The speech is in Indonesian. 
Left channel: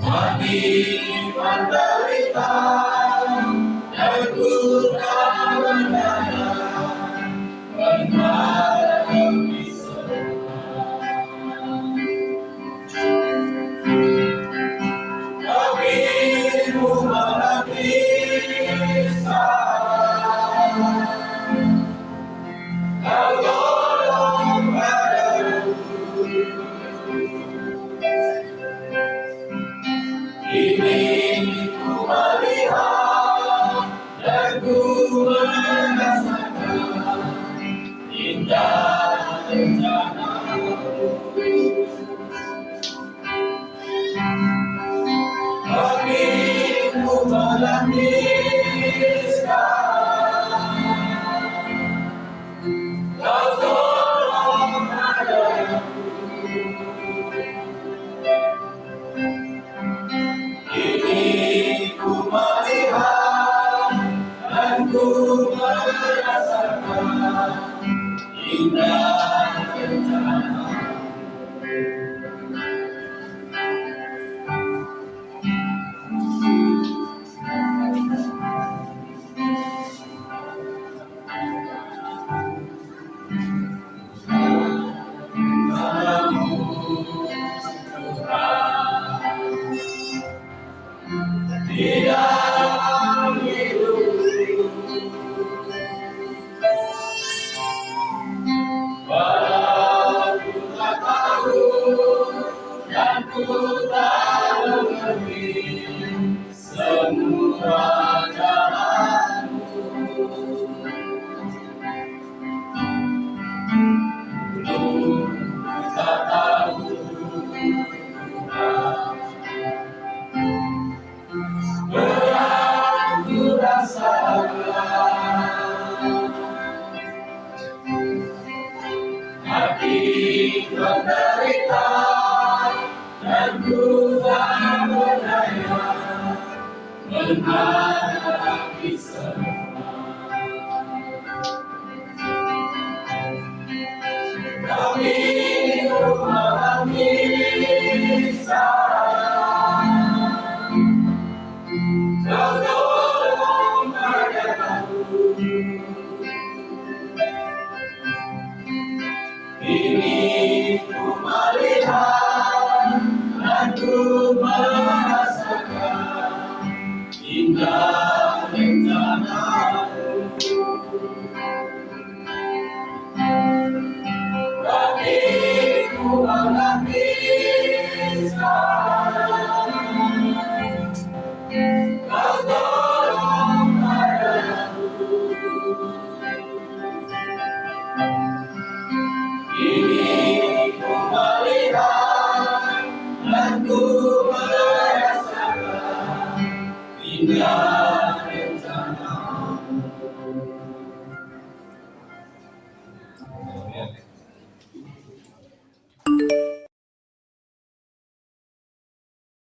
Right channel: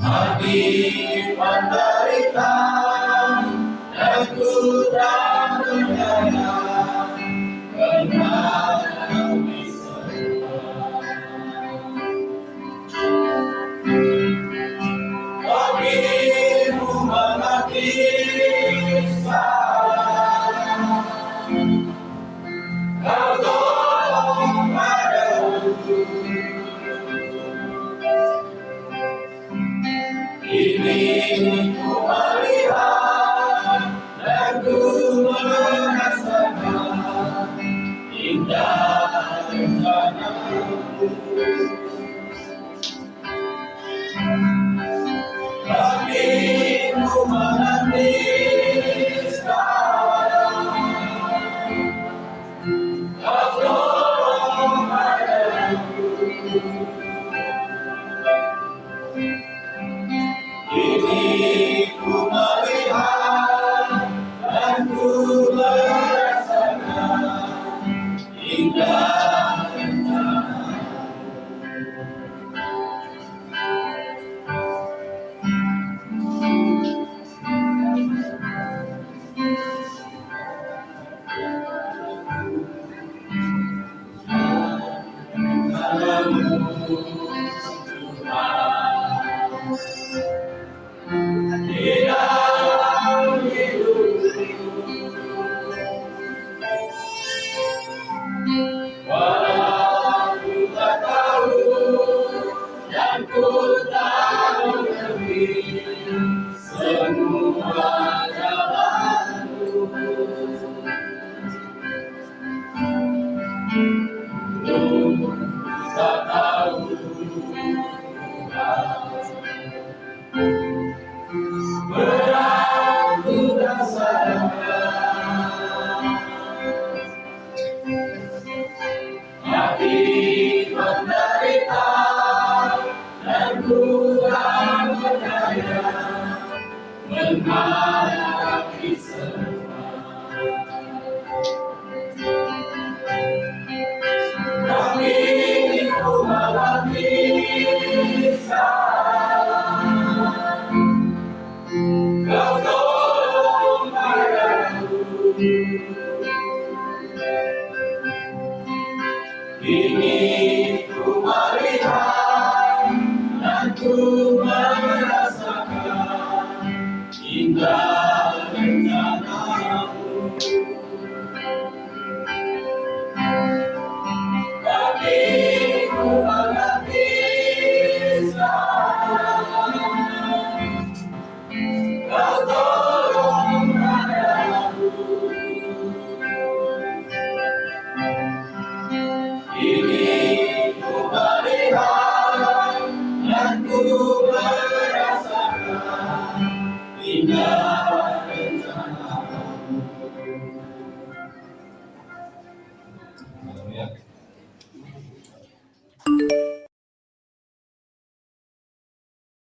Hati menderita dan ku tak berdaya, benar demi semua. Tapi ku mengerti salah, kau tolong padaku. Kini ku melihat dan ku merasakan indah rencana-Mu. Tapi ku mengerti sekarang, kau tolong padaku. Kini ku melihat dan ku merasakan indah rencana. Kamu Tuhan di dalam hidupku, walau ku tak tahu dan ku tak mengerti semua jalan-Mu, ku tak tahu berat ku rasakan. Hati menderita dan ku tak berdaya, menghadapi semua. Tapi ku mengerti salah, kau tolong padaku. Kini ku melihat dan ku merasakan indah rencana-Mu. Tapi ku mengerti